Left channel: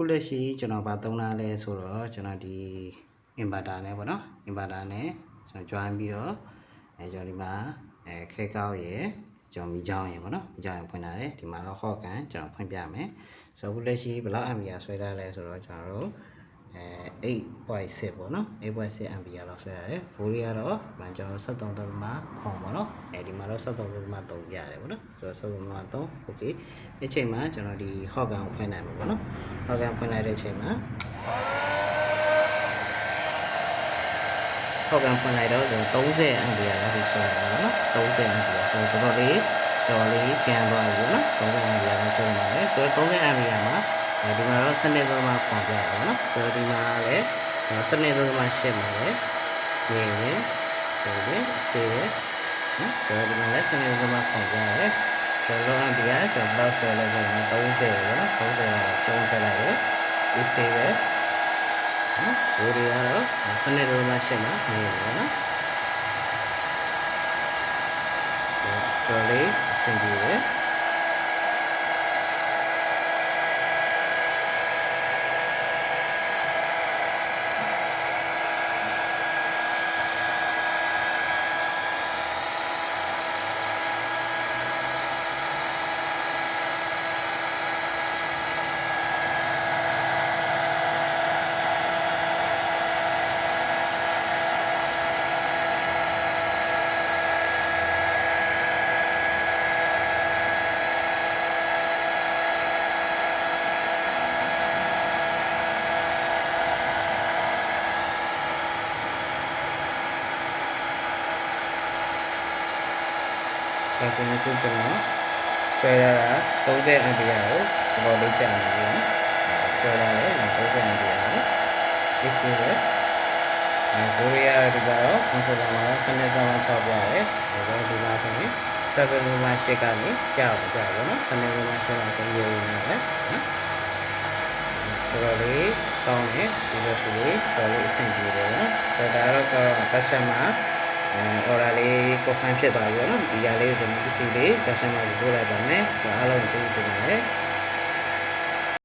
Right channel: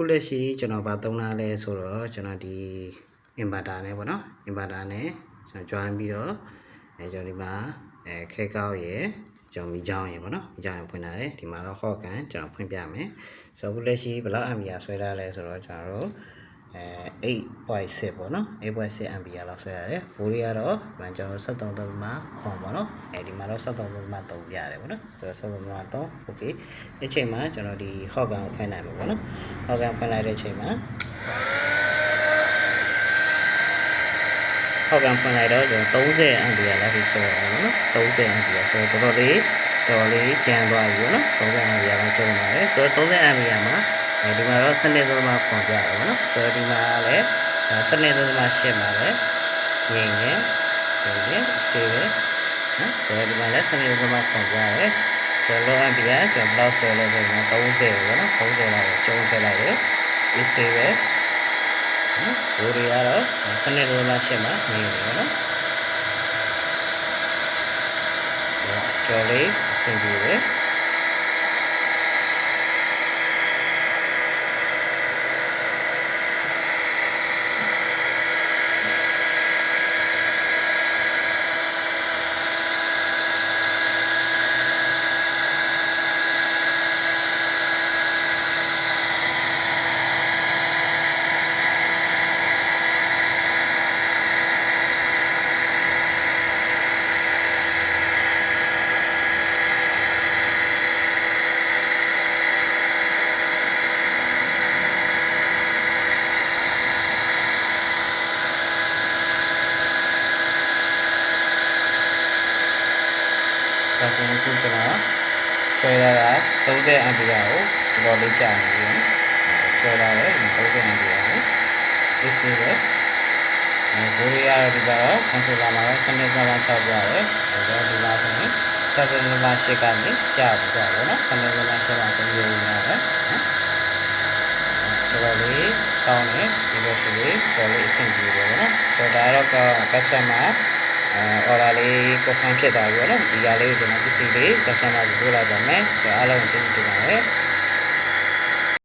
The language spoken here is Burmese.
အခုလက်ရှိကျွန်တော်ဗာသုံးလာလဲဆိုတော့ကျွန်တော်ဒီ inverter နဲ့ပေါ့နော် inverter နဲ့ကျွန်တော် join ပြီးတော့ကျွန်တော်ဒီမှာခဲကောက်ရယ်ကျွန်တော်မိချောင်းရယ်ပေါ့နော်မိချောင်းရယ်ဖွင့်လာတယ်ဒီမှာတော့ hot gun ကျွန်တော်ဖွင့်ပြမယ်ဆိုတော့အခုလက်ရှိဘယ်လောက် ampere ဆွဲထားလဲဆိုတော့ကျွန်တော်တို့8.6 ပေါ့နော် 8.6 ampere လောက်ဆွဲရတယ် volt ကတော့ကျွန်တော်73.9ပေါ့နော်ဒီမှာတော့73.3ပြရတယ်ပေါ့နော်ဆိုတော့73.3 okay ဒီချိန်မှာကျွန်တော်ဒီ hot gun ကိုဖွင့်နိုင်မှာပေါ့နော် hot gun ဖွင့်လိုက်တဲ့အချိန်မှာဟောက်ကန်ဖွင့်လိုက်တော့ကျွန်တော်30 ampere လောက်ဒီဆွဲရအောင်နော်30 ampere ဆိုတော့တော်တော်လေးကျန်သွားပြီပေါ့နော်30 ampere လောက်ကျုံလာတယ်ဆိုတော့30 ampere မှာဒီမှာတော့12.9ခွန်ပြတယ်ပေါ့နော်ဆိုတော့ဒီမှာလည်း12.8မှာလည်းငင်းငင်းဒီလိုဆေးတယ်နော်ဆိုတော့ဒီမှာလည်း12.9ခွန်ပြရတယ်ဆိုတော့ ampere ကျွန်တော်ဆွဲလို့ဆိုရင်30ပေါ့နော်30လောက်ကျုံထည့်လိုက်တယ်ဒီဆေးပဲဘိုးတွေကတော့12.8မှာနေတယ်ပေါ့နော်ကျော်လေးအဆင်ပြေတယ်ဒါဆိုရင်အခုကျွန်တော်ဆွဲရတာ30 ampere ကိုတော်တော်လေးကြာနေပြီနော်ဆွဲရတယ်30 ampere ကိုဒီစီပဲဘိုးရီယာဒီကတော့ controller မှာတော့12.6ပြရတယ်ဒါတော့ဒီမှာဆိုရင်7.8ကနေကြာပါနော်7.8မှာဆိုရင်ရိုးနေတယ်နော်တော်တော်လေးကောင်းတယ်ဒီလိုဆိုလေးတော်လေးအဆင်ပြေတယ်နော်ဆိုတော့ဒါတော့ customer order လေး confirm ဖြစ်သွားပြီနော်ဒီကလေးကိုကျွန်တော် PC လေး customer ကိုပို့လိုက်ပါမယ်ဆိုတော့အားလုံးကျေးဇူးတင်ပါတယ်